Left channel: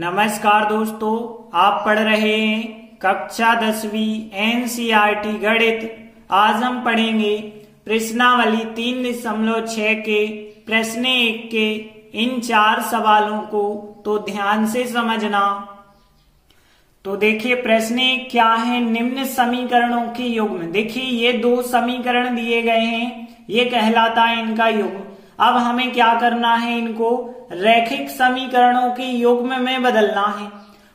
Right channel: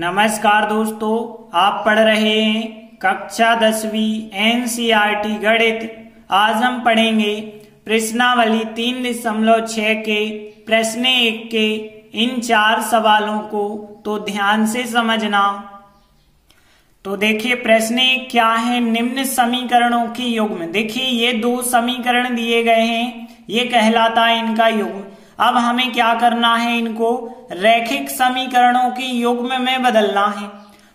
नमस्कार दोस्तों, आप पढ़ रहे हैं कक्षा 10वीं एनसीईआरटी गणित। आज हम पढ़ेंगे प्रश्नावली 3.6 के प्रश्न 1 के इन 4 सवालों को, तो ध्यान से समझना। तो देखिए प्रश्न 1 क्या है, निम्न समीकरणों की युग्म। देखिए ये 2 समीकरण दिए गए हैं, ये कहलाता है इनका युग्म। अब हमें क्या करना है, इनको रैखिक समीकरणों के युग्म में बदलना है।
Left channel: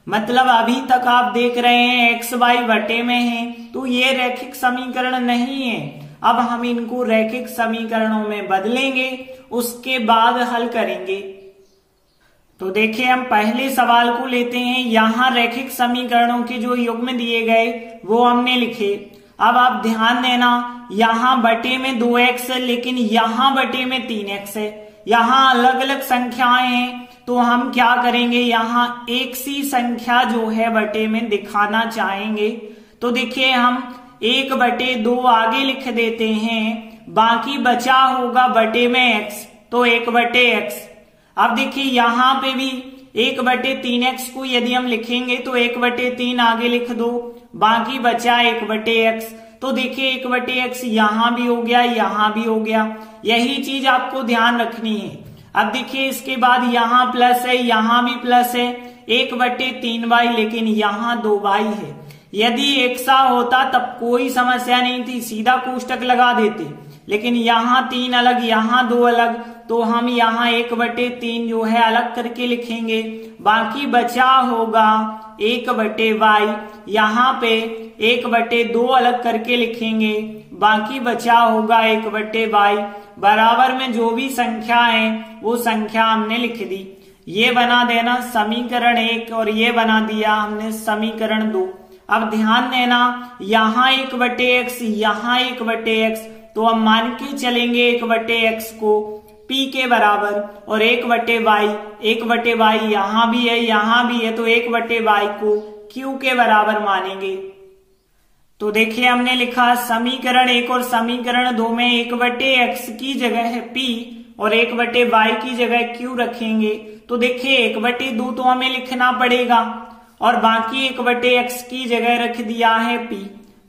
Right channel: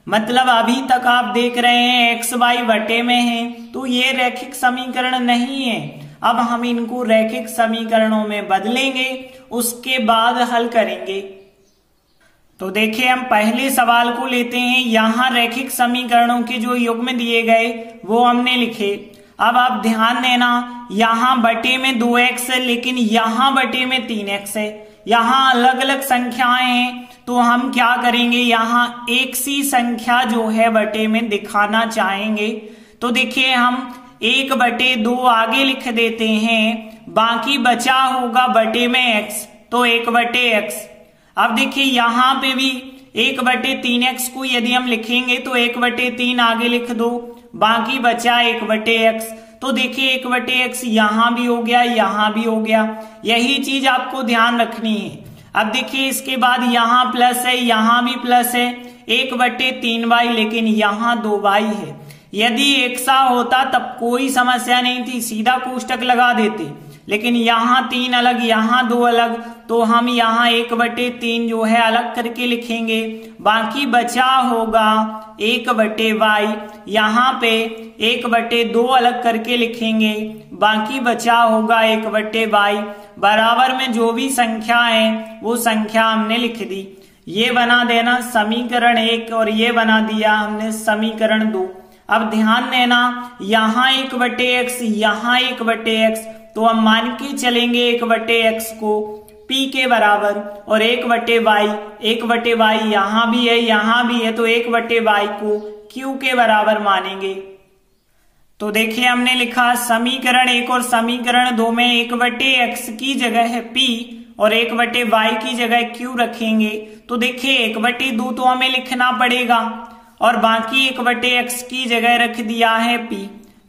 मतलब अभी तक आप देख रहे हैं एक्स वाई बटे में है, तो ये रैखिक समीकरण नहीं है। अब हम इनको रैखिक समीकरणों में बदलेंगे, उसके बाद हल करेंगे। तो देखिए हम पहले सवाल को लेते हैं। यहाँ रैखिक समीकरणों के जो युग्म दिए गए वो हमने लिखे। अब आप ध्यान देना, यहाँ बटे में 2x है, लेकिन यहाँ बटे में 3x है। यहाँ अलग अलग संख्याएं हैं, तो हम क्या करेंगे, यहाँ एक सी संख्या जो है बटे में दिखाना चाहेंगे। तो देखिए हम 1/2 आगे लिख देते हैं, बाकी बचा होगा बटे में x, तो 1/x। अब देखिए यहाँ पे भी 1/3x को यदि हम लिखेंगे तो 1/3 आगे लिख दो, बाकी बचा 1/x। तो देखिए 1/x यहां भी हो गया, यहां भी हो गया। यही चीज आपको ध्यान रखनी है। अब देखिए इसके बाद यहाँ प्लस है, यहां भी प्लस है, 1/3y, लेकिन यहाँ 2y है। यदि एक सा होता तब कोई समस्या नहीं थी, सीधा कोष्टक लगा देते, लेकिन यहाँ 3 अलग, यहाँ 2 अलग, तो हम यहाँ 1/3 जो है अलग करके लिखेंगे। बाकी बचा होगा 1/y, यहाँ पे 1/2 अलग करके लिखेंगे, बाकी बचा होगा 1/y। बराबर में जो भी संख्या है वो संख्या हमने लिख दी। ये बना देना समीकरण 1 और ये बना दिया हमने समीकरण 2। अब ध्यान देना, यहाँ 1/x, यहाँ 1/x, तो हम मान के चलेंगे 1/x को p के बराबर, और 1/y यहाँ भी है, यहाँ भी है, तो 1/y को q के बराबर मानेंगे। तो देखिए हमने लिखा समीकरण 1 और समीकरण 2 में 1/x की जगह है p और 1/y की जगह q रखेंगे। तो देखिए 1/2 तो हमें लिखना पड़ेगा, और बाकी 1/x की जगह रख दिया है p।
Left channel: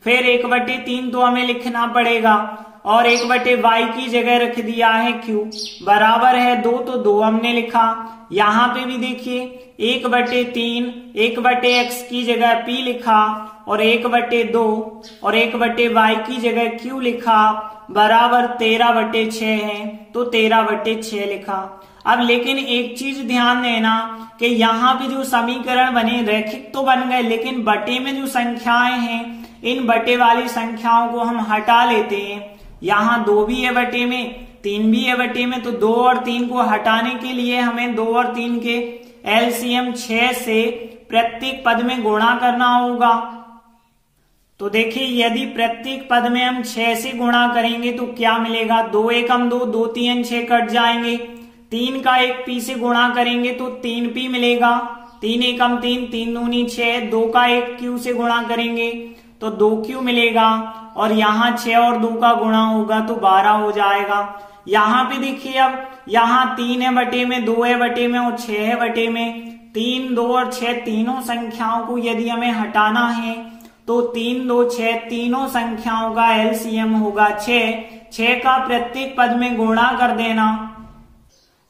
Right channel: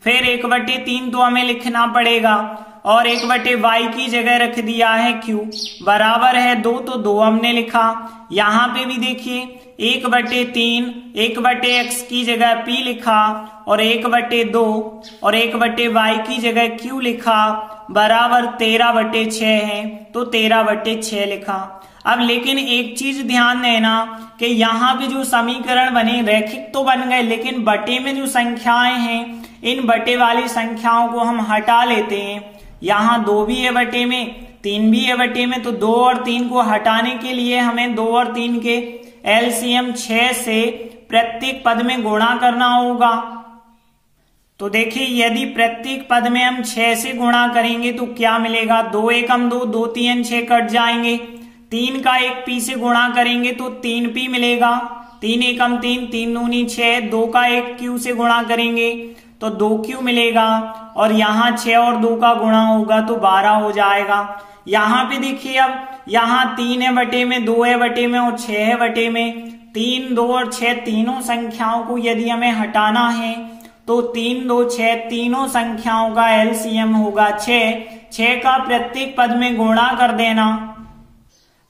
फिर 1/3 तो हमें लिखना पड़ेगा, और 1/y की जगह रख दिया है q। बराबर है 2, तो 2 हमने लिखा। यहाँ पे भी देखिए 1/3, 1/x की जगह p लिखा, और 1/2 और 1/y की जगह q लिखा। बराबर 13/6 है, तो 13/6 लिखा। अब लेकिन एक चीज ध्यान देना कि यहाँ पे जो समीकरण बने रैखिक तो बन गए, लेकिन बटे में जो संख्याएं हैं, इन बटे वाली संख्याओं को हम हटा लेते हैं। यहाँ 2 भी है बटे में, 3 भी है बटे में, तो 2 और 3 को हटाने के लिए हमें 2 और 3 के एलसीएम 6 से प्रत्येक पद में गुणा करना होगा। तो देखिए यदि प्रत्येक पद में हम 6 से गुणा करेंगे तो क्या मिलेगा, 2 एकम 2, 2 3 6 कट जाएंगे। 3 का 1 p से गुणा करेंगे तो 3p मिलेगा, 3 एकम 3, 3 दूनी 6, 2 का 1 q से गुणा करेंगे तो 2q मिलेगा, और यहाँ 6 और 2 का गुणा होगा तो 12 हो जाएगा। यहाँ पे देखिए अब यहाँ 3 है बटे में, 2 है बटे में और 6 है बटे में। 3, 2 और 6 तीनों संख्याओं को यदि हमें हटाना है तो 3, 2, 6 तीनों संख्याओं का एलसीएम होगा 6 का प्रत्येक पद में गुणा कर देना।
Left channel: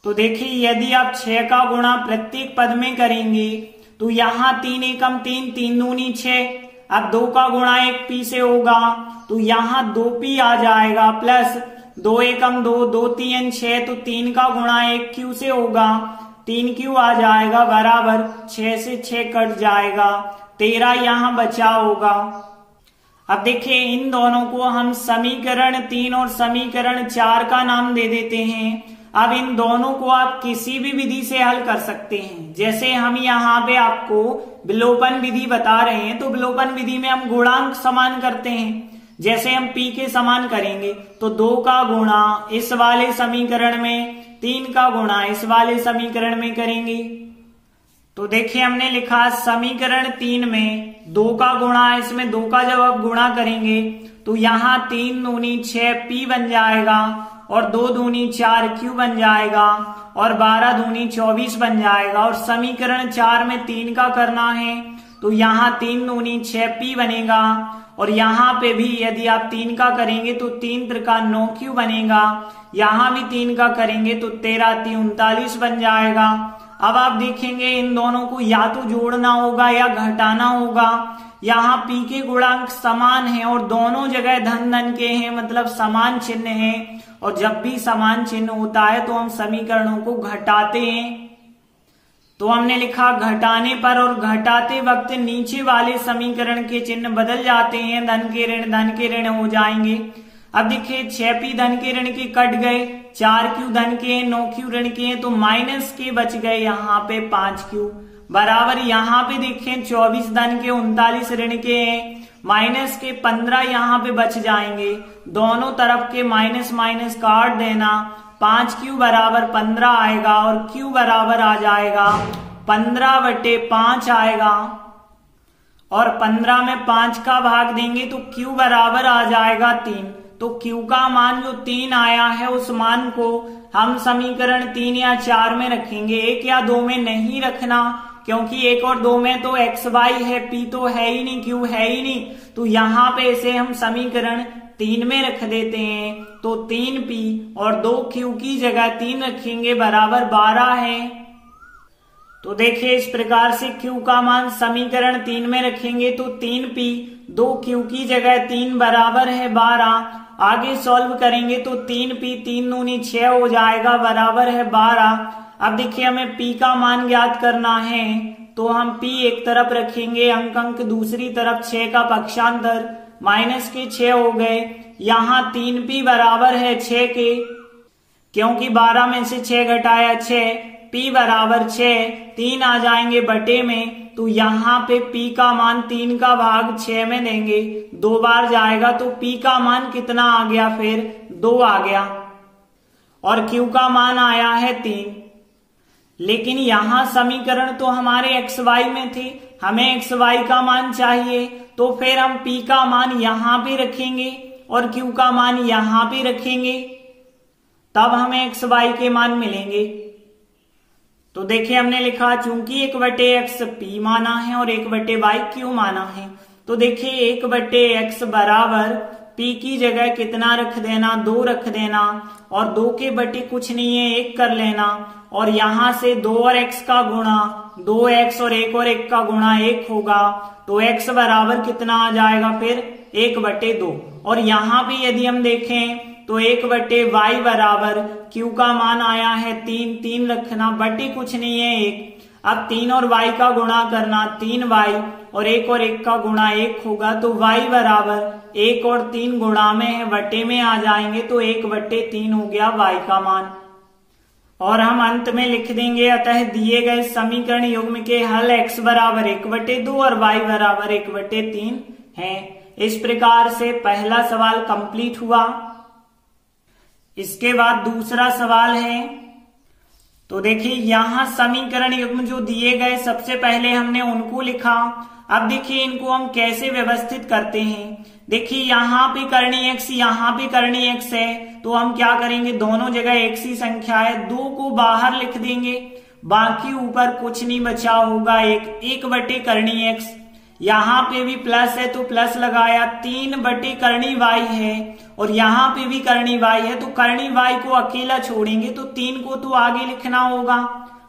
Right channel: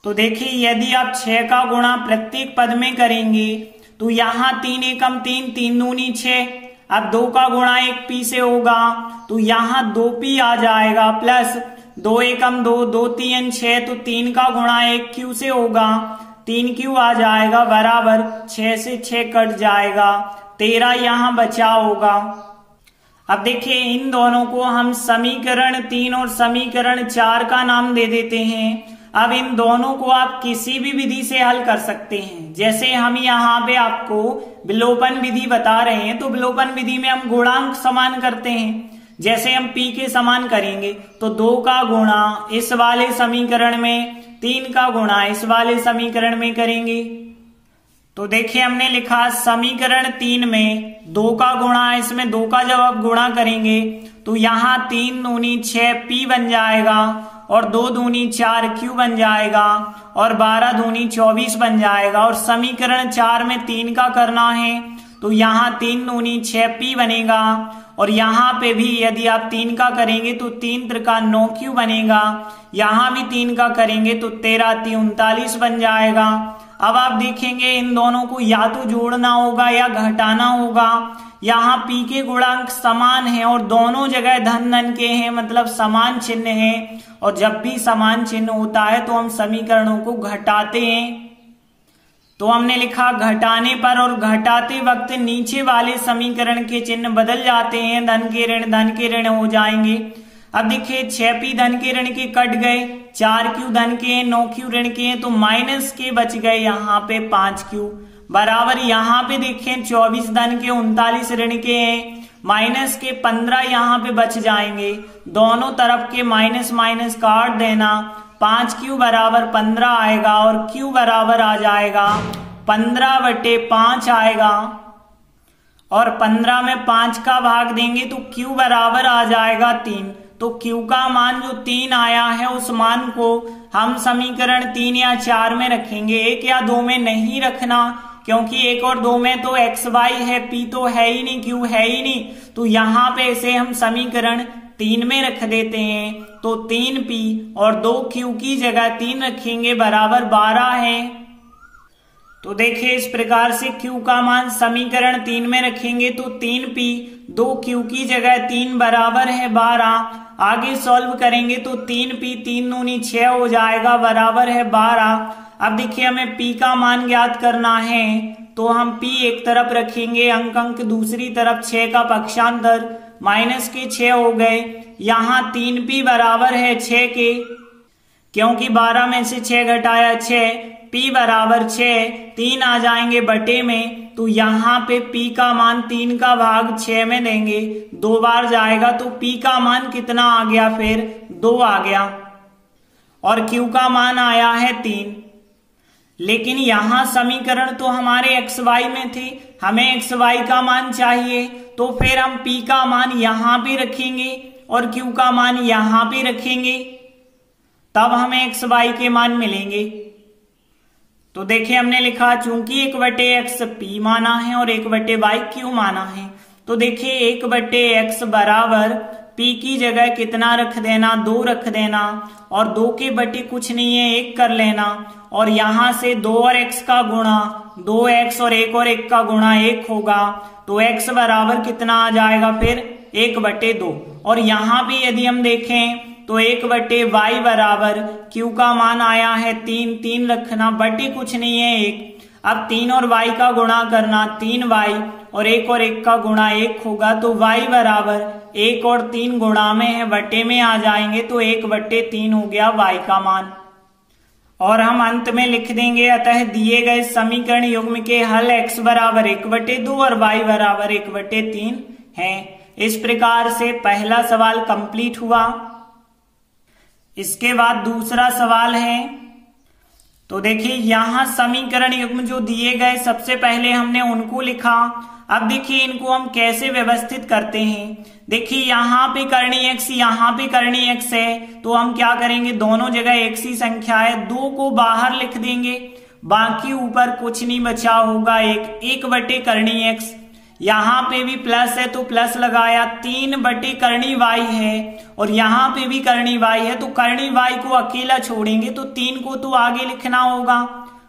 तो देखिए यदि आप 6 का गुणा प्रत्येक पद में करेंगे तो यहाँ 3 एकम 3, 3 दूनी 6, अब 2 का गुणा 1 p से होगा तो यहाँ 2p आ जाएगा, प्लस 2 एकम 2, 2 3 6, तो 3 का गुणा 1 q से होगा, 3q आ जाएगा। बराबर 6 से 6 कट जाएगा, 13 यहाँ बचा होगा। अब देखिए इन दोनों को हम समीकरण 3 और समीकरण 4 का नाम दे देते हैं। अब इन दोनों को आप किसी भी विधि से हल कर सकते हैं। जैसे हम यहाँ पे आपको विलोपन विधि बता रहे हैं, तो विलोपन विधि में हम गुणांक समान करते हैं। जैसे हम p के समान करेंगे तो 2 का गुणा इस वाले समीकरण में, 3 का गुणा इस वाले समीकरण में करेंगे। तो देखिए हमने लिखा समीकरण 3 में 2 का गुणा, इसमें 2 का जब आप गुणा करेंगे तो यहाँ 3 दूनी 6 p बन जाएगा, और 2 दूनी 4 क्यू बन जाएगा और 12 दूनी 24 बन जाएगा। और समीकरण 4 में 3 का करना है तो यहाँ 3 दूनी 6 पी बनेगा और यहाँ पे भी यदि आप 3 का करेंगे तो 3 त्रिका 9 क्यू बनेगा। यहाँ भी 3 का करेंगे तो 13 3 39 बन जाएगा। अब आप देखेंगे इन दोनों को या तो जोड़ना होगा या घटाना होगा। यहाँ पी के गुणांक समान है और दोनों जगह धन धन के हैं, मतलब समान चिन्ह है। और जब भी समान चिन्ह होता है तो हम समीकरणों को घटाते हैं। तो हमने लिखा घटाने पर और घटाते वक्त नीचे वाले समीकरण के चिन्ह बदल जाते हैं, धन के ऋण हो जाएंगे। अब देखिए 6 पी धन के ऋण के कट गए, 4 क्यू धन के हैं, 9 क्यू ऋण के हैं, तो माइनस के बच गए यहाँ पे 5 क्यू बराबर। यहाँ पे देखें 24 धन के 39 ऋण के हैं, माइनस के 15 यहाँ पे बच जाएंगे। दोनों तरफ के माइनस माइनस काट देना, 5 क्यू बराबर 15 आएगा और क्यू बराबर आ जाएगा 15/5 आएगा। और 15 में 5 का भाग देंगे तो क्यू बराबर आ जाएगा 3। तो क्यू का मान जो 3 आया है उस मान को हम समीकरण 3 या 4 में रखेंगे, 1 या 2 में नहीं रखना, क्योंकि 1 और 2 में तो एक्स वाई है, पी तो है ही नहीं, क्यू है ही नहीं। तो यहाँ पे इसे हम समीकरण 3 में रख देते हैं। तो 3 पी और 2 क्यू की जगह 3 रखेंगे बराबर 12 है। तो देखिए इस प्रकार से क्यू का मान समीकरण 3 में रखेंगे तो 3 पी 2 क्यू की जगह 3 बराबर है 12। आगे सॉल्व करेंगे तो 3 पी 3 दूनी 6 हो जाएगा बराबर है 12। अब देखिए हमें पी का मान ज्ञात करना है तो हम पी एक तरफ रखेंगे, अंक दूसरी तरफ, 6 का पक्षांतर माइनस के 6 हो गए। यहाँ 3 पी बराबर है 6 के, क्योंकि 12 में से 6 घटाया 6, पी बराबर 6, 3 आ जाएंगे बटे में। तो यहाँ पे पी का मान 3 का भाग 6 में देंगे, 2 बार जाएगा तो पी का मान कितना आ गया, फिर 2 आ गया। और क्यू का मान आया है 3। लेकिन यहाँ समीकरण तो हमारे एक्स वाई में थे, हमें एक्स वाई का मान चाहिए, तो फिर हम पी का मान यहाँ पे रखेंगे और क्यू का मान यहाँ पे रखेंगे, तब हमें एक्स वाई के मान मिलेंगे। तो देखिए हमने लिखा चूंकि 1/x पी माना है और 1/y क्यू माना है, तो देखिए 1/x बराबर पी की जगह कितना रख देना, 2 रख देना, और 2 के बटे कुछ नहीं है 1 कर लेना, और यहां से 2 और x का गुणा 2x और 1 और 1 का गुणा 1 होगा। तो x बराबर कितना आ जाएगा, फिर 1/2। और यहाँ पे यदि हम देखें तो 1/y बराबर q का मान आया है 3 रखना, बटे कुछ नहीं है 1। अब 3 और y का गुणा करना, 3y और 1 का गुणा 1 होगा। तो y बराबर 1 और 3 गुणा में है, बटे में आ जाएंगे, तो 1/3 हो गया y का मान। और हम अंत में लिख देंगे अतः दिए गए समीकरण युग्म के हल x बराबर 1/2 और y बराबर 1/3 है। इस प्रकार से पहला सवाल कंप्लीट हुआ। इसके बाद दूसरा सवाल है, तो देखिए यहां समीकरण युग्म जो दिए गए सबसे पहले हमने उनको लिखा। अब देखिए इनको हम कैसे व्यवस्थित करते हैं। देखिए यहाँ पे करनी x, यहाँ पे करनी x है, तो हम क्या करेंगे, दोनों जगह x ही संख्या है, 2 को बाहर लिख देंगे, बाकी ऊपर कुछ नहीं बचा होगा, 1/करनी x। यहाँ पे भी प्लस है तो प्लस लगाया, 3/करनी y है, और यहाँ पे भी करनी y है, तो करनी y को अकेला छोड़ेंगे तो 3 को तो आगे लिखना होगा,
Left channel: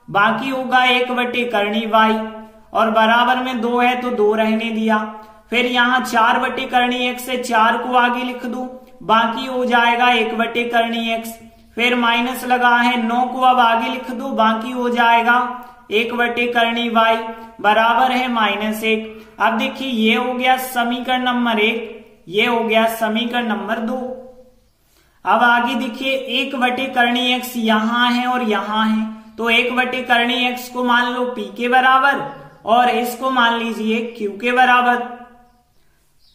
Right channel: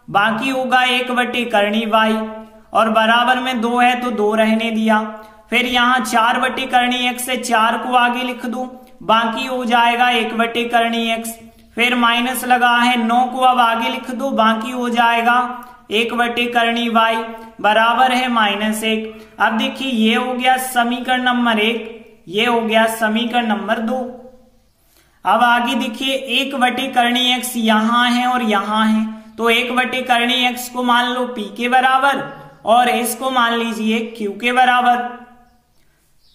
बाकी होगा 1/करनी y, और बराबर में 2 है तो 2 रहने दिया। फिर यहाँ 4/करनी x है, 4 को आगे लिख दो, बाकी हो जाएगा 1/करनी x। फिर माइनस लगा है, 9 को अब आगे लिख दो, बाकी हो जाएगा 1/करनी y बराबर है -1। अब देखिए ये हो गया समीकरण नंबर 1, ये हो गया समीकरण नंबर 2। अब आगे देखिए 1/करनी x यहाँ है और यहाँ है, तो 1/करनी x को मान लो p के बराबर और इसको मान लीजिए q के बराबर।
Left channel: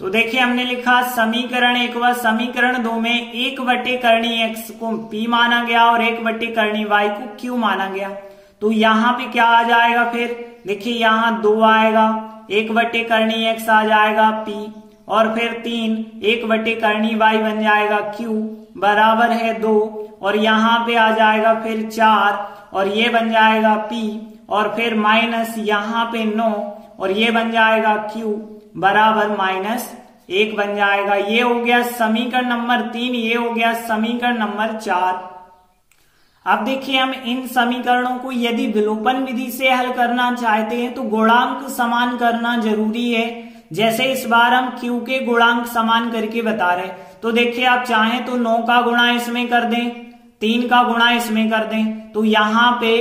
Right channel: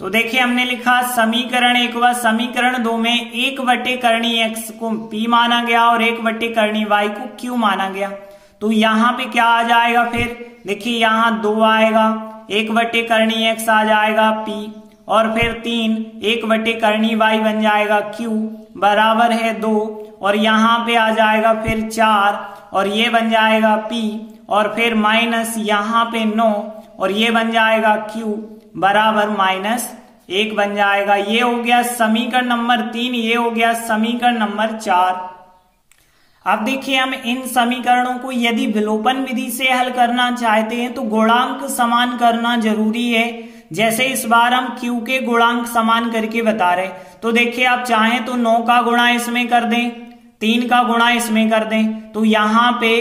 तो देखिए हमने लिखा समीकरण 1 व समीकरण 2 में 1/करनी x को p माना गया और 1/करनी y को q माना गया। तो यहाँ पे क्या आ जाएगा, फिर देखिए यहाँ 2 आएगा, 1/करनी x आ जाएगा p, और फिर 3 1/करनी y बन जाएगा q बराबर है 2 और यहाँ पे आ जाएगा फिर 4 और ये बन जाएगा P और फिर माइनस यहाँ पे 9 और ये बन जाएगा Q बराबर -1 बन जाएगा। ये हो गया समीकरण नंबर 3, ये हो गया समीकरण नंबर 4। अब देखिए हम इन समीकरणों को यदि विलोपन विधि से हल करना चाहते हैं तो गुणांक समान करना जरूरी है। जैसे इस बार हम Q के गुणांक समान करके बता रहे, तो देखिए आप चाहें तो 9 का गुणा इसमें कर दें, 3 का गुणा इसमें कर दें, तो यहाँ पे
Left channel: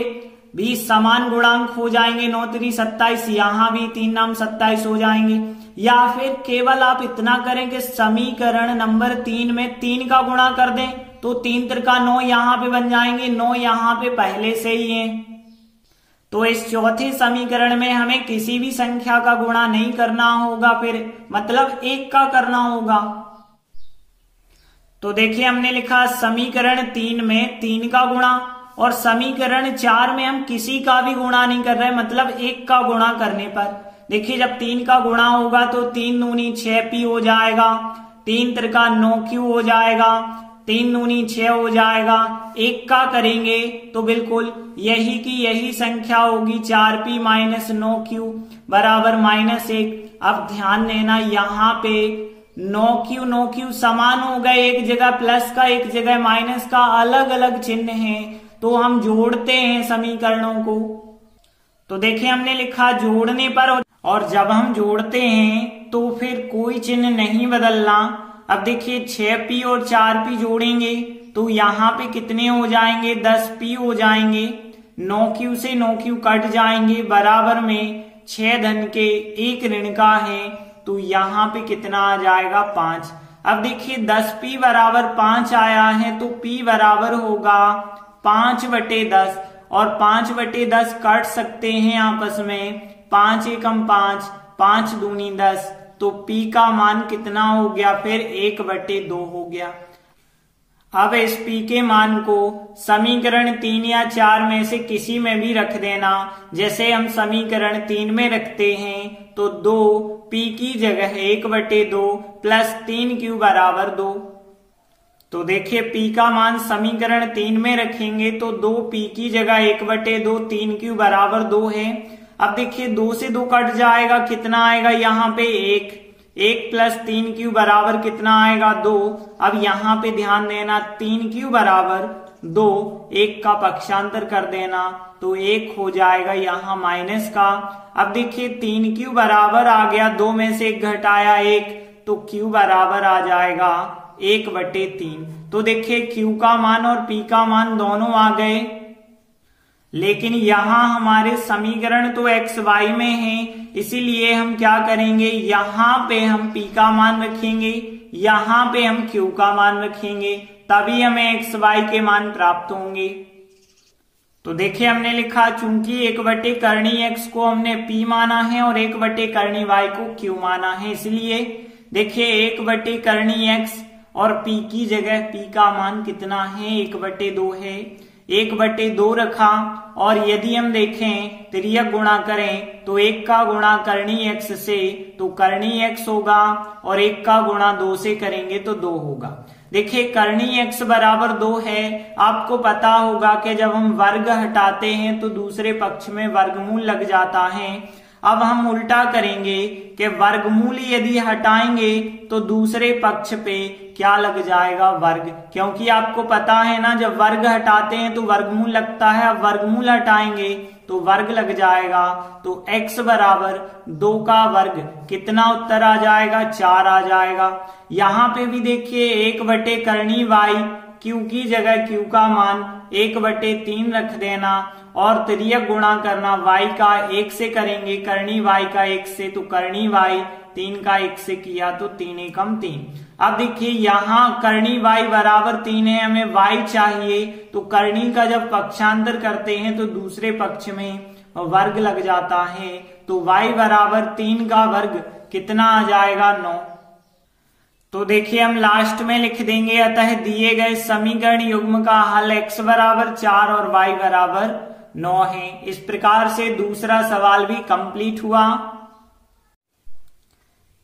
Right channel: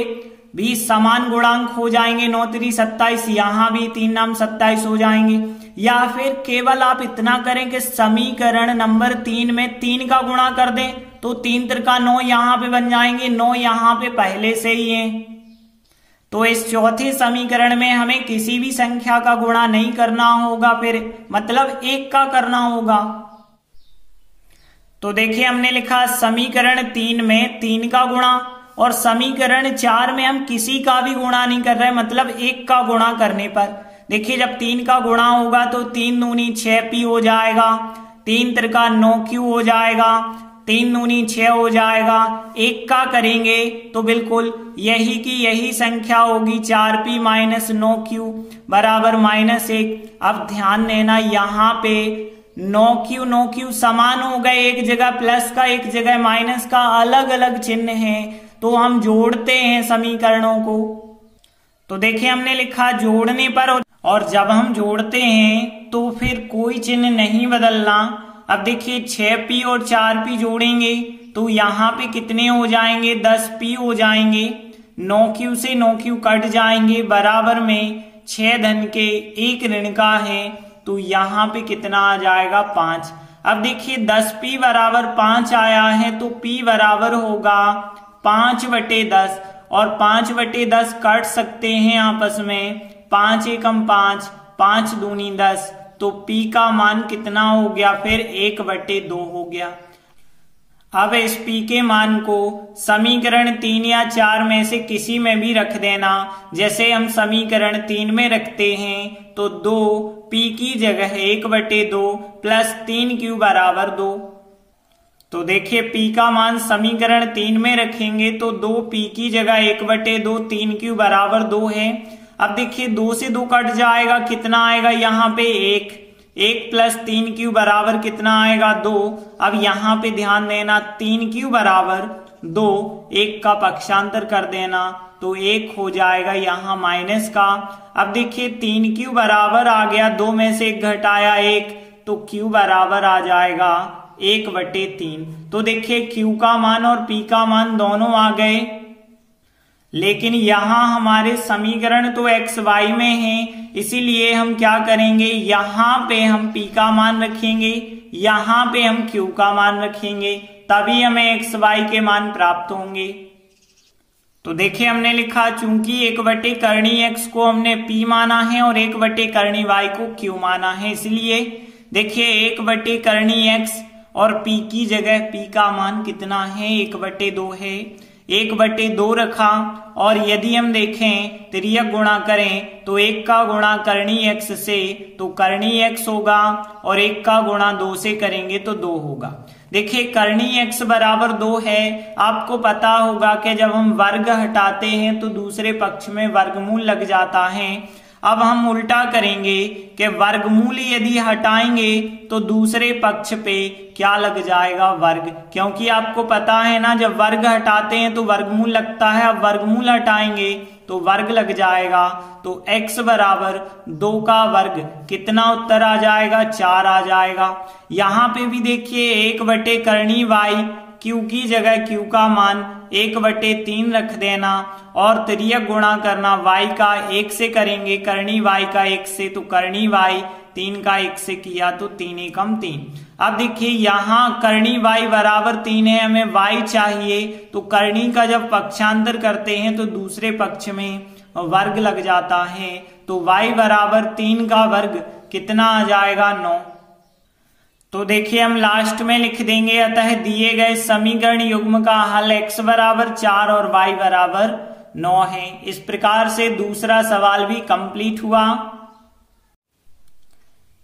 भी समान गुणांक हो जाएंगे। 9 3 27, यहाँ भी 3 9 27 हो जाएंगे। या फिर केवल आप इतना करें कि समीकरण नंबर 3 में 3 का गुणा कर दें, तो 3 त्रिका 9 यहाँ पे बन जाएंगे, 9 यहाँ पे पहले से ही है। तो इस चौथे समीकरण में हमें किसी भी संख्या का गुणा नहीं करना होगा, फिर मतलब 1 का करना होगा। तो देखिए हमने लिखा समीकरण 3 में 3 का गुणा और समीकरण 4 में हम किसी का भी गुणा नहीं कर रहे, मतलब 1 का गुणा करने पर देखिए जब 3 का गुणा होगा तो 3 दूनी 6P हो जाएगा, 3 त्रिका 9Q हो जाएगा, 3 दूनी 6 हो जाएगा। 1 का करेंगे तो बिल्कुल यही की यही संख्या होगी 4P - 9Q बराबर -1। अब ध्यान देना यहाँ पे 9Q समान हो गए, एक जगह प्लस का एक जगह माइनस का, अलग अलग चिन्ह है, तो हम जोड़ते हैं समीकरणों को। तो देखिए हमने लिखा जोड़ने पर, और जब हम जोड़ते हैं तो फिर कोई चिन्ह नहीं बदलना। अब देखिए 6P और 4P जोड़ेंगे तो यहाँ पे कितने हो जाएंगे, 10P हो जाएंगे। 9Q से 9Q कट जाएंगे, बराबर में 6 धन के 1 ऋण का है, तो यहाँ पे कितना आ जाएगा 5। अब देखिए 10P बराबर 5 आया है तो P बराबर होगा 5/10 और 5/10 काट सकते हैं आपस में, 5 एकम 5, 5 दूनी 10, तो P का मान कितना हो गया, फिर 1/2 हो गया। अब इस P के मान को समीकरण 3 या 4 में से किसी में भी रख देना। जैसे हम समीकरण 3 में रखते हैं तो 2P की जगह 1/2 प्लस 3Q बराबर 2। तो देखिए P का मान समीकरण 3 में रखेंगे तो 2P की जगह 1/2, 3Q बराबर 2 है। अब देखिए 2 से 2 कट जाएगा, कितना आएगा यहाँ पे 1 प्लस 3Q बराबर कितना आएगा 2। अब यहाँ पे ध्यान देना 3Q बराबर 2, 1 का पक्षांतर कर देना तो 1 हो जाएगा यहाँ माइनस का। अब देखिए 3Q बराबर आ गया, 2 में से 1 घटाया 1, तो Q बराबर आ जाएगा 1/3। तो देखिए Q का मान और P का मान दोनों आ गए, लेकिन यहाँ हमारे समीकरण तो x y में है, इसीलिए हम क्या करेंगे, यहाँ पे हम P का मान रखेंगे, यहाँ पे हम Q का मान रखेंगे, तभी हमें x y के मान प्राप्त होंगे। तो देखिए हमने लिखा चूंकि 1/करणी x को हमने P माना है और 1/करणी y को Q माना है, इसलिए देखिए 1/करणी x और P की जगह P का मान कितना है, 1/2 है, 1/2 रखा। और यदि हम देखें तिर्यक गुणा करें तो 1 का गुणा करणी x से तो करणी x होगा और 1 का गुणा 2 से करेंगे तो 2 होगा। देखिए करणी x बराबर 2 है। आपको पता होगा कि जब हम वर्ग हटाते हैं तो दूसरे पक्ष में वर्गमूल लग जाता है। अब हम उल्टा करेंगे कि वर्गमूल यदि हटाएंगे तो दूसरे पक्ष पे क्या लग जाएगा, वर्ग, क्योंकि आपको पता है ना जब वर्ग हटाते हैं तो वर्गमूल लगता है। अब वर्गमूल हटाएंगे तो वर्ग लग जाएगा, तो x बराबर 2 का वर्ग कितना उत्तर आ जाएगा, 4 आ जाएगा। यहाँ पे भी देखिए 1/करणी y, Q की जगह Q का मान 1/3 रख देना और तिर्यक गुणा करना y का 1 से करेंगे, करणी y का 1 से, तो करणी y 3 का 1 से किया तो 3 एकम 3। अब देखिए यहाँ करणी y बराबर 3 है, हमें y चाहिए, तो करणी का जब पक्षांतर करते हैं तो दूसरे पक्ष में वर्ग लग जाता है, तो y बराबर 3 का वर्ग कितना आ जाएगा, 9। तो देखिए हम लास्ट में लिख देंगे, अतः दिए गए समीकरण युग्म का हल x बराबर 4 और y बराबर 9 है। इस प्रकार से दूसरा सवाल भी कंप्लीट हुआ।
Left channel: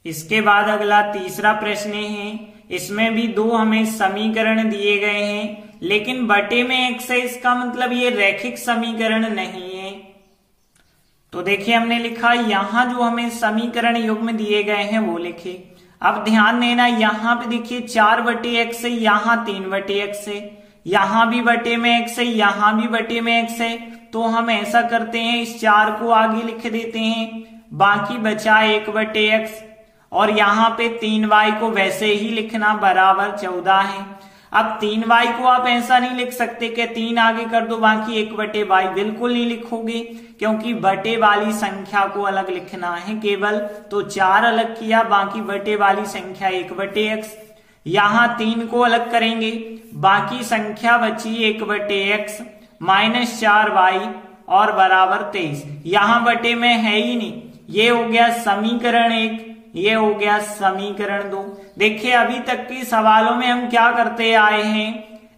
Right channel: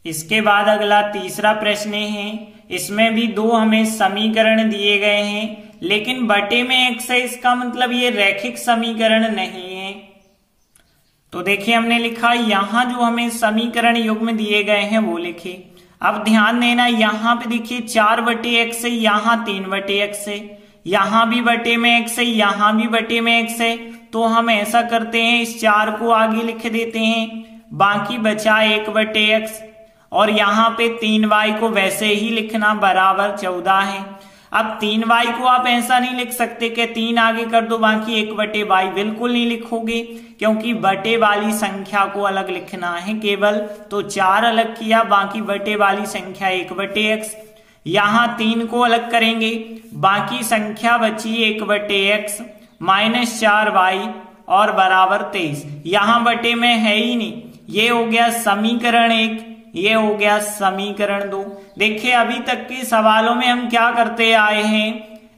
इसके बाद अगला तीसरा प्रश्न है इसमें भी दो हमें समीकरण दिए गए हैं, लेकिन बटे में x है, इसका मतलब ये रैखिक समीकरण नहीं है। तो देखिए हमने लिखा यहां जो हमें समीकरण युग्म दिए गए हैं वो लिखे। अब ध्यान देना, यहां पे देखिए 4/x है, यहां 3/x है, यहां भी बटे में x है, यहां भी बटे में x है। तो हम ऐसा करते हैं, इस 4 को आगे लिख देते हैं, बाकी बचा 1/x और यहाँ पे 3y को वैसे ही लिखना बराबर 14 है। अब 3y को आप ऐसा नहीं लिख सकते कि 3 आगे कर दो बाकी 1/y, बिल्कुल नहीं लिखोगे, क्योंकि बटे वाली संख्या को अलग लिखना है केवल। तो 4 अलग किया, बाकी बटे वाली संख्या 1/x, यहाँ 3 को अलग करेंगे, बाकी संख्या बची 1/x माइनस 4y और बराबर 23। यहां बटे में है ही नहीं, ये हो गया समीकरण 1, ये हो गया समीकरण 2। देखिए अभी तक के सवालों में हम क्या करते आए हैं,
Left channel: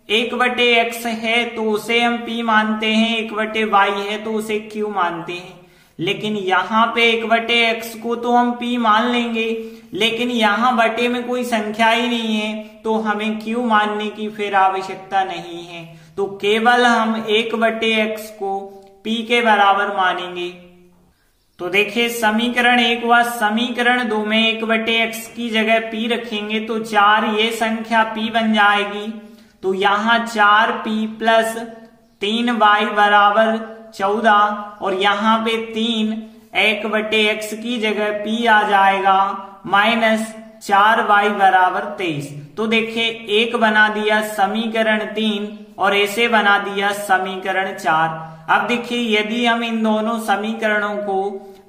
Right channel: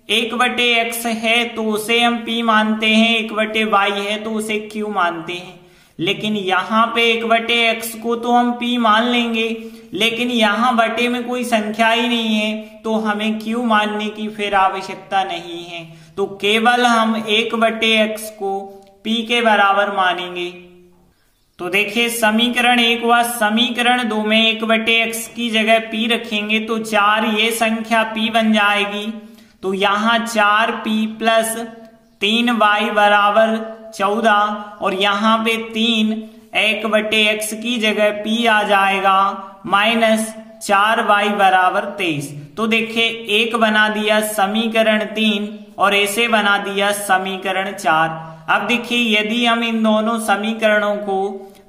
1/x है तो उसे हम p मानते हैं, 1/y है तो उसे q मानते हैं। लेकिन यहाँ पे 1/x को तो हम p मान लेंगे, लेकिन यहाँ बटे में कोई संख्या ही नहीं है तो हमें q मानने की फिर आवश्यकता नहीं है। तो केवल हम 1/x को p के बराबर मानेंगे। तो देखिए समीकरण 1 व समीकरण 2 में 1/x की जगह p रखेंगे तो 4 ये संख्या p बन जाएगी। तो यहाँ 4p प्लस 3y बराबर 14 और यहाँ पे 3 1/x की जगह p आ जाएगा माइनस 4y बराबर 23। तो देखिए एक बना दिया समीकरण 3 और ऐसे बना दिया समीकरण 4। अब देखिए यदि हम इन दोनों समीकरणों को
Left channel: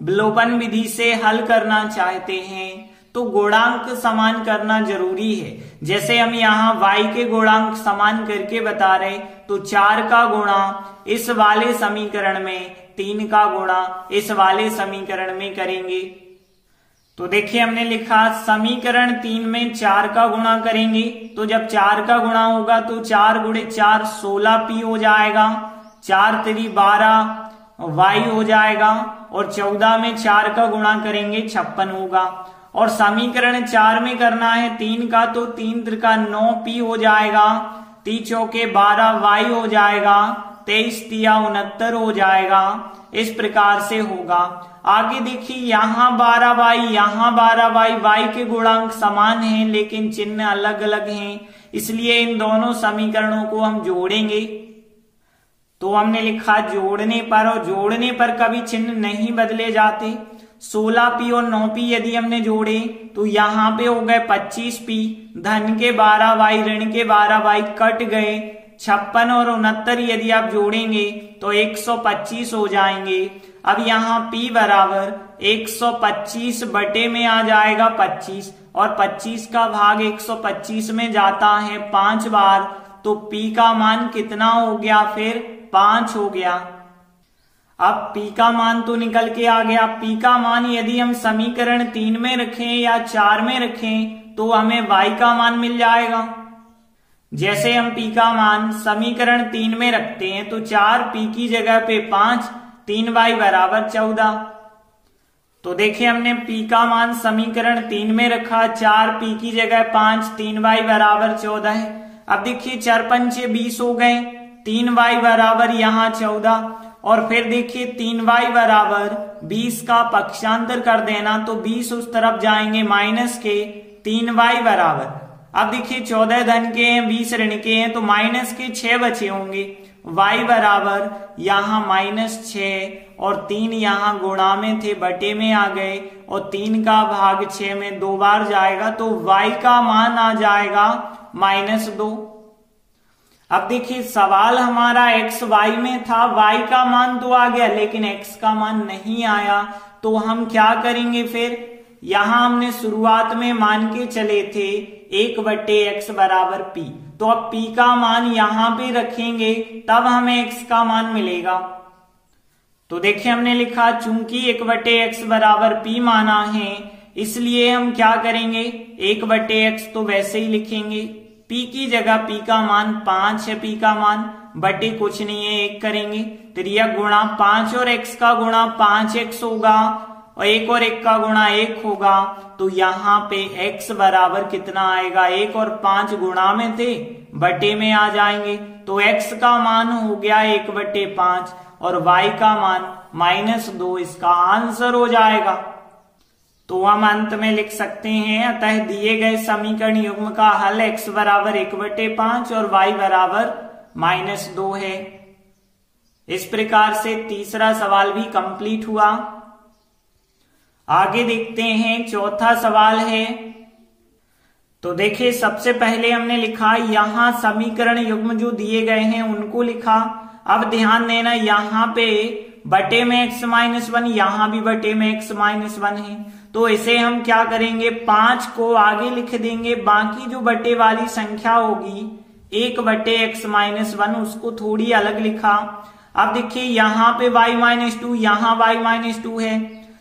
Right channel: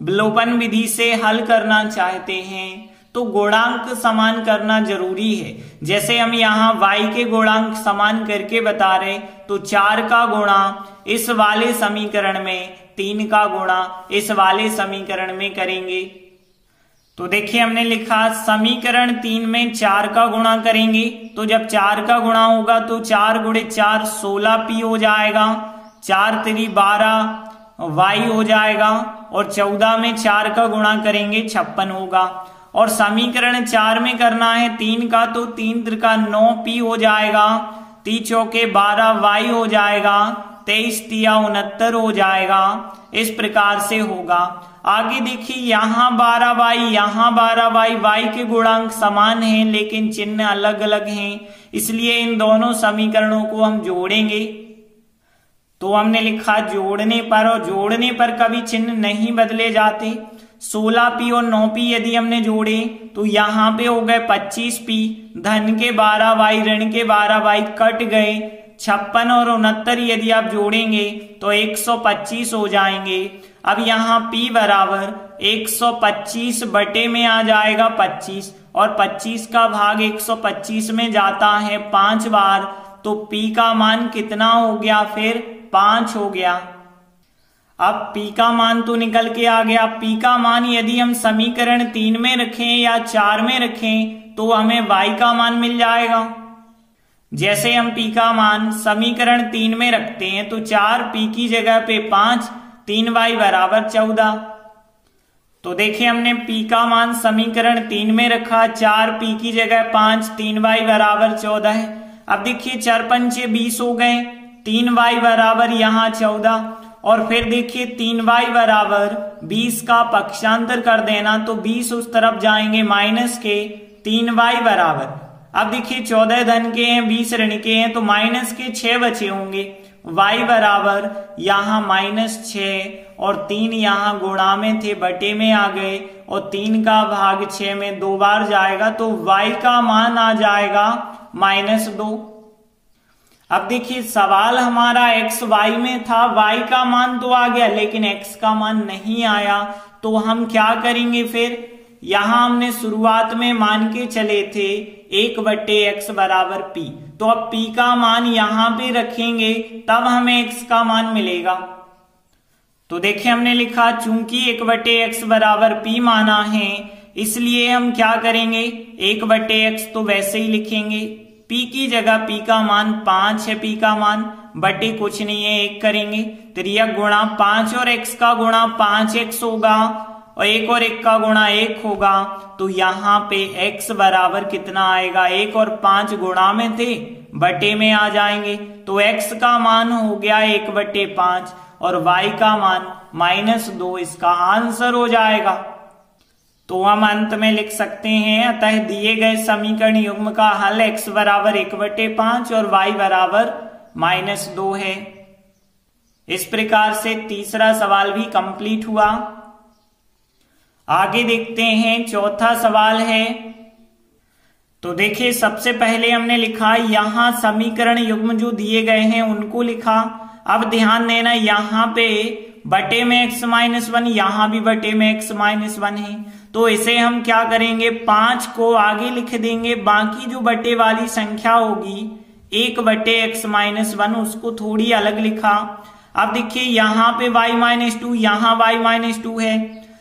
विलोपन विधि से हल करना चाहते हैं तो गुणांक समान करना जरूरी है। जैसे हम यहाँ y के गुणांक समान करके बता रहे, तो 4 का गुणा इस वाले समीकरण में, 3 का गुणा इस वाले समीकरण में करेंगे। तो देखिए हमने लिखा समीकरण 3 में 4 का गुणा करेंगे, तो जब 4 का गुणा होगा तो 4 गुणे 4 16p हो जाएगा, 4 3 12 y हो जाएगा और 14 में 4 का गुणा करेंगे 56 होगा। और समीकरण 4 में करना है 3 का, तो 3 त्रिका 9p हो जाएगा, 3 चौके 12 y हो जाएगा, 23 तिया 69 हो जाएगा। इस प्रकार से होगा। आगे देखिए यहाँ 12y, यहाँ 12y, y के गुणांक समान हैं लेकिन चिन्ह अलग अलग हैं, इसलिए इन दोनों समीकरणों को हम जोड़ेंगे। तो हमने लिखा जोड़ने पर, और जोड़ने पर कभी चिन्ह नहीं बदले जाते। 16p और 9p यदि हमने जोड़े तो यहाँ पे हो गए 25p, धन के 12y ऋण के 12y कट गए, 56 और 69 यदि आप जोड़ेंगे तो 125 हो जाएंगे। अब यहाँ p बराबर 125 बटे में आ जाएगा 25 और 25 का भाग 125 में जाता है 5 बार, तो p का मान कितना हो गया, फिर 5 हो गया। अब p का मान तो निकल के आ गया। p का मान यदि हम समीकरण 3 में रखें या 4 में रखें तो हमें y का मान मिल जाएगा। जैसे हम p का मान समीकरण 3 में रखते हैं तो 4p की जगह पे 5, 3y बराबर 14। तो देखिए हमने p का मान समीकरण 3 में रखा, 4p की जगह 5, 3y बराबर 14 है। अब देखिए 4 पंचे 20 हो गए, 3y बराबर यहाँ 14 और फिर देखिए 3y बराबर 20 का पक्षांतर कर देना, तो 20 उस तरफ जाएंगे माइनस के, 3y बराबर, अब देखिए 14 धन के हैं 20 ऋण के हैं तो माइनस के 6 बचे होंगे, y बराबर यहाँ -6 और 3 यहाँ गुणा में थे बटे में आ गए और 3 का भाग 6 में 2 बार जाएगा, तो y का मान आ जाएगा -2। अब देखिए सवाल हमारा x y में था, y का मान तो आ गया लेकिन x का मान नहीं आया, तो हम क्या करेंगे फिर। यहां हमने शुरुआत में मान के चले थे 1/x बराबर p, तो अब p का मान यहां पे रखेंगे तब हमें x का मान मिलेगा। तो देखिए हमने लिखा चूंकि 1/x बराबर p माना है, इसलिए हम क्या करेंगे 1/x तो वैसे ही लिखेंगे, p की जगह p का मान 5 है, p का मान बटे कुछ नहीं है 1 करेंगे, त्रियक गुणा 5 और x का गुणा 5x होगा और एक का गुणा 1 होगा, तो यहाँ पे x बराबर कितना आएगा, 1 और 5 गुणा में थे, बटे में आ जाएंगे, तो x का मान हो गया 1/5 और y का मान -2 इसका आंसर हो जाएगा। तो हम अंत में लिख सकते हैं, अतः दिए गए समीकरण युग्म का हल x बराबर 1/5 और y बराबर -2 है। इस प्रकार से तीसरा सवाल भी कंप्लीट हुआ। आगे देखते हैं, चौथा सवाल है। तो देखिए, सबसे पहले हमने लिखा यहां समीकरण युग्म जो दिए गए हैं उनको लिखा। अब ध्यान देना, यहां पे बटे में x-1, यहां भी बटे में x-1 है, तो इसे हम क्या करेंगे, 5 को आगे लिख देंगे, बाकी जो बटे वाली संख्या होगी 1/x-1 उसको थोड़ी अलग लिखा। अब देखिए, यहाँ पे y-2, यहाँ y-2 है,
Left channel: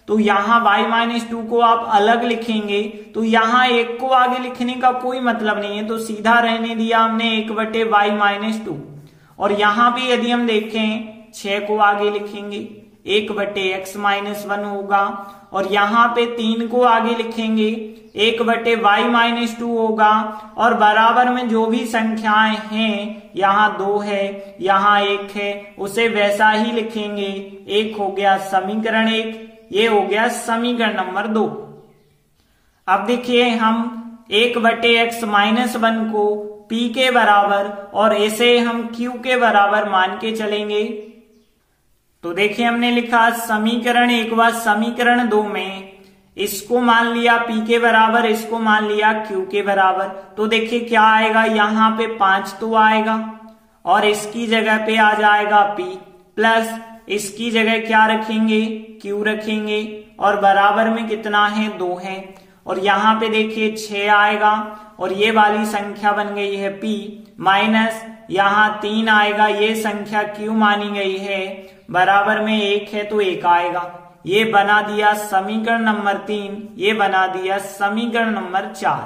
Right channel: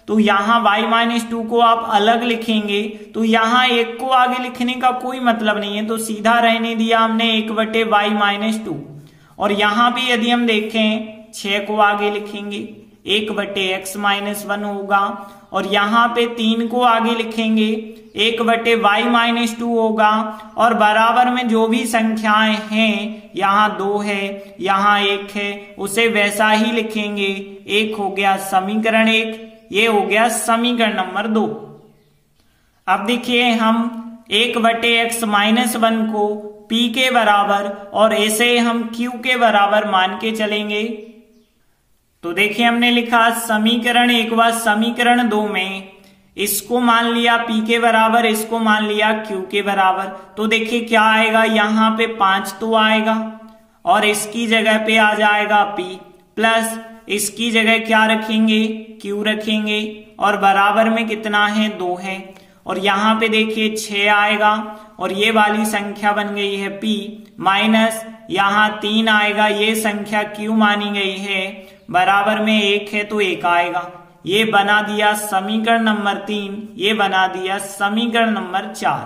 तो यहाँ y-2 को आप अलग लिखेंगे, तो यहाँ 1 को आगे लिखने का कोई मतलब नहीं है, तो सीधा रहने दिया हमने 1/y-2। और यहाँ भी यदि हम देखें 6 को आगे लिखेंगे, 1/x-1 होगा, और यहाँ पे 3 को आगे लिखेंगे, 1/y-2 होगा, और बराबर में जो भी संख्याएं हैं, यहाँ 2 है, यहाँ 1 है, उसे वैसा ही लिखेंगे। 1 हो गया समीकरण 1, ये हो गया समीकरण नंबर 2। अब देखिए, हम 1/x-1 को p के बराबर और इसे हम q के बराबर मान के चलेंगे। तो देखिए, हमने लिखा समीकरण 1 व समीकरण 2 में इसको मान लिया p के बराबर, इसको मान लिया q के बराबर, तो देखिए क्या आएगा, यहाँ पे 5 तो आएगा और इसकी जगह पे आ जाएगा p, प्लस इसकी जगह क्या रखेंगे, q रखेंगे, और बराबर में कितना है, 2 है, और यहाँ पे देखिए 6 आएगा, और ये वाली संख्या बन गई है p, माइनस यहाँ 3 आएगा, ये संख्या q मानी गई है, बराबर में 1 है तो 1 आएगा। ये बना दिया समीकरण नंबर 3, ये बना दिया समीकरण नंबर 4।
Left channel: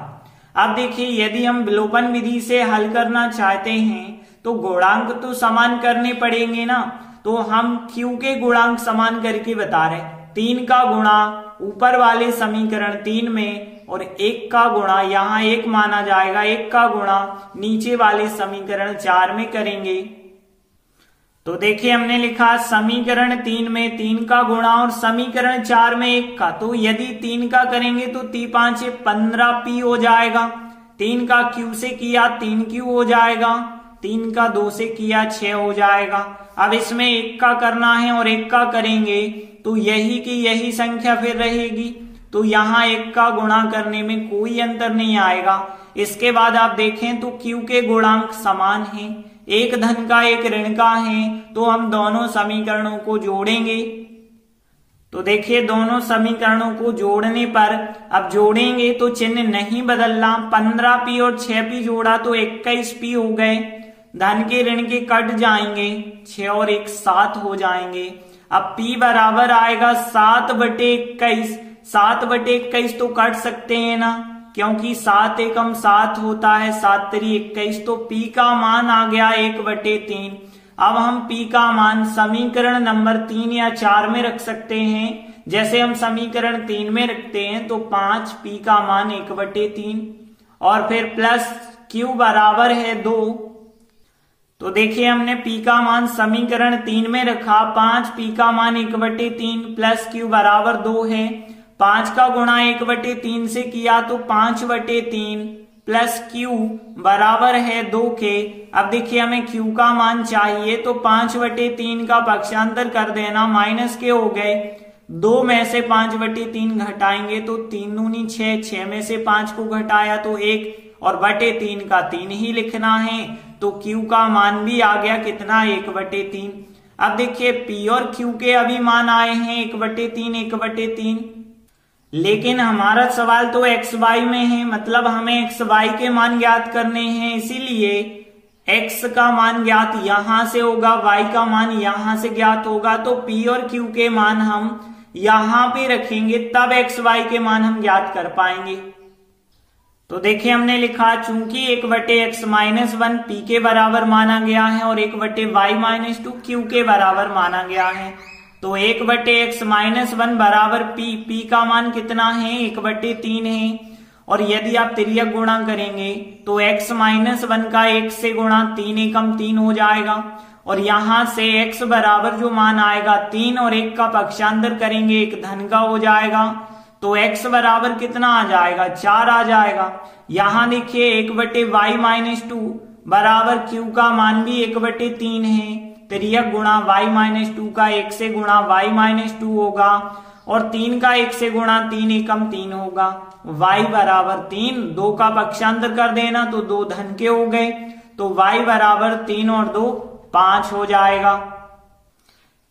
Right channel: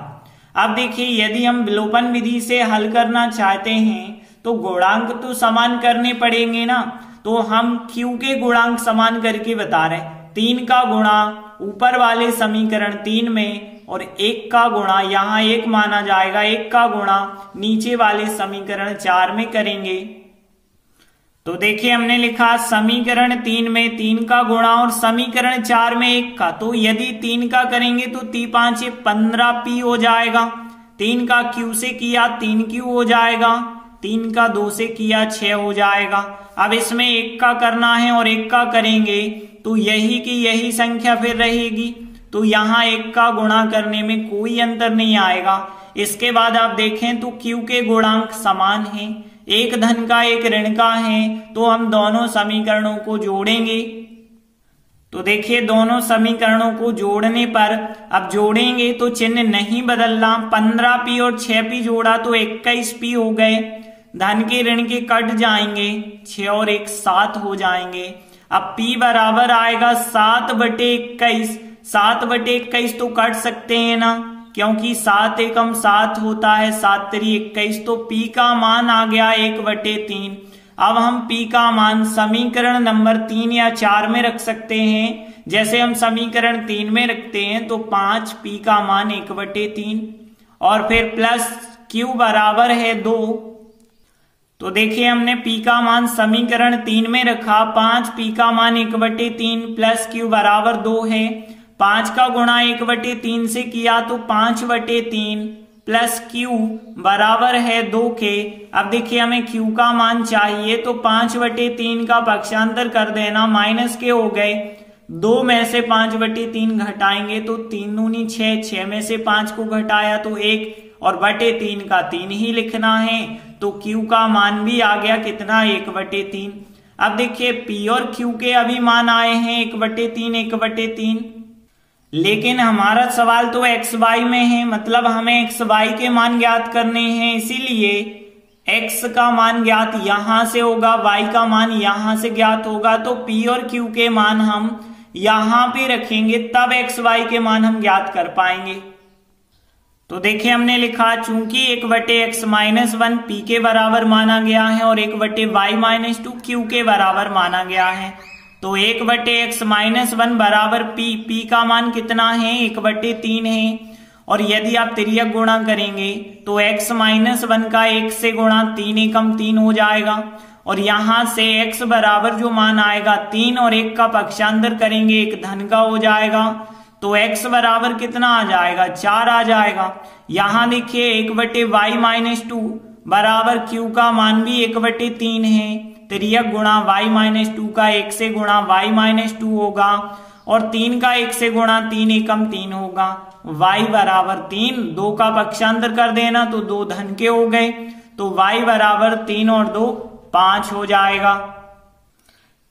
अब देखिए, यदि हम विलोपन विधि से हल करना चाहते हैं तो गुणांक तो समान करने पड़ेंगे ना, तो हम q के गुणांक समान करके बता रहे हैं। 3 का गुणा ऊपर वाले समीकरण 3 में और 1 का गुणा, यहाँ 1 माना जाएगा, 1 का गुणा नीचे वाले समीकरण 4 में करेंगे। तो देखिए, हमने लिखा समीकरण 3 में 3 का गुणा और समीकरण 4 में 1 का, तो यदि 3 का करेंगे तो 3×5 15p हो जाएगा, 3 का q से किया 3q हो जाएगा, 3 का 2 से किया 6 हो जाएगा। अब इसमें 1 का करना है और 1 का करेंगे तो यही की यही संख्या फिर रहेगी, तो यहाँ 1 का गुणा करने में कोई अंतर नहीं आएगा। इसके बाद आप देखें तो q के गुणांक समान हैं, एक धन का एक ऋण का है, तो हम दोनों समीकरणों को जोड़ेंगे। तो देखिए, दोनों समीकरणों को जोड़ने पर, अब जोड़ेंगे तो चिन्ह नहीं बदलना, 15p और 6p जोड़ा तो 21p हो गए, धन के ऋण के कट जाएंगे, 6 और 1 7 हो जाएंगे। अब p बराबर आएगा 7/21, 7/21 तो कट सकते हैं ना, क्योंकि 7 एकम 7 होता है, 7 3 21, तो p का मान आ गया 1/3। अब हम p का मान समीकरण नंबर 3 या 4 में रख सकते हैं। जैसे हम समीकरण 3 में रखते हैं तो 5p का मान 1/3 और फिर प्लस q बराबर है 2। तो देखिए, हमने p का मान समीकरण 3 में रखा, 5p का मान 1/3 प्लस q बराबर 2 है, 5 का गुणा 1/3 से किया तो 5/3 प्लस q बराबर है 2 के। अब देखिए, हमें q का मान चाहिए, तो 5/3 का पक्षांतर कर देना, माइनस के हो गए, 2 में से 5/3 घटाएंगे तो 3 दूनी 6, 6 में से 5 को घटाया तो 1, और बटे 3 का 3 ही लिखना है, तो q का मान भी आ गया कितना, 1/3। अब देखिए, p और q के अभी मान आए हैं 1/3, 1/3, लेकिन हमारा सवाल तो x y में है, मतलब हमें x y के मान ज्ञात करने हैं, इसीलिए x का मान ज्ञात यहां से होगा, y का मान यहां से ज्ञात होगा, तो p और q के मान हम यहां पे रखेंगे, तब x y के मान हम ज्ञात कर पाएंगे। तो देखिए, हमने लिखा चूंकि 1/x-1 p के बराबर माना गया है और 1/y-2 q के बराबर माना गया है, तो 1/x-1 बराबर p का मान कितना है 1/3 है। और यदि आप तिर्यक गुणा करेंगे तो x-1 का 1 से गुणा 3 एकम 3 हो जाएगा। और यहां से x बराबर जो मान आएगा 3 और 1 का पक्षांतर करेंगे 1 धन का हो जाएगा। तो x बराबर कितना आ जाएगा 4 आ जाएगा। यहां देखिए 1/y-2 बराबर q का मान भी 1/3 है। तिर्यक गुणा y-2 का 1 से गुणा y-2 होगा और 3 का 1 से गुणा 3 एकम 3 होगा। y बराबर 3, 2 का पक्षांतर कर देना तो 2 धन के हो गए। तो y बराबर 3 और 2 5 हो जाएगा।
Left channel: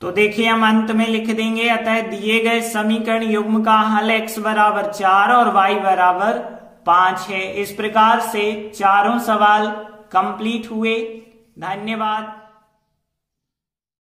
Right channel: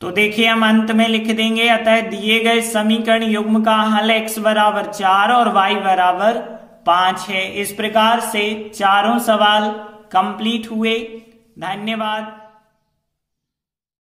तो देखिए हम अंत में लिख देंगे, अतः दिए गए समीकरण युग्म का हल x बराबर 4 और y बराबर 5 है। इस प्रकार से चारों सवाल कंप्लीट हुए। धन्यवाद।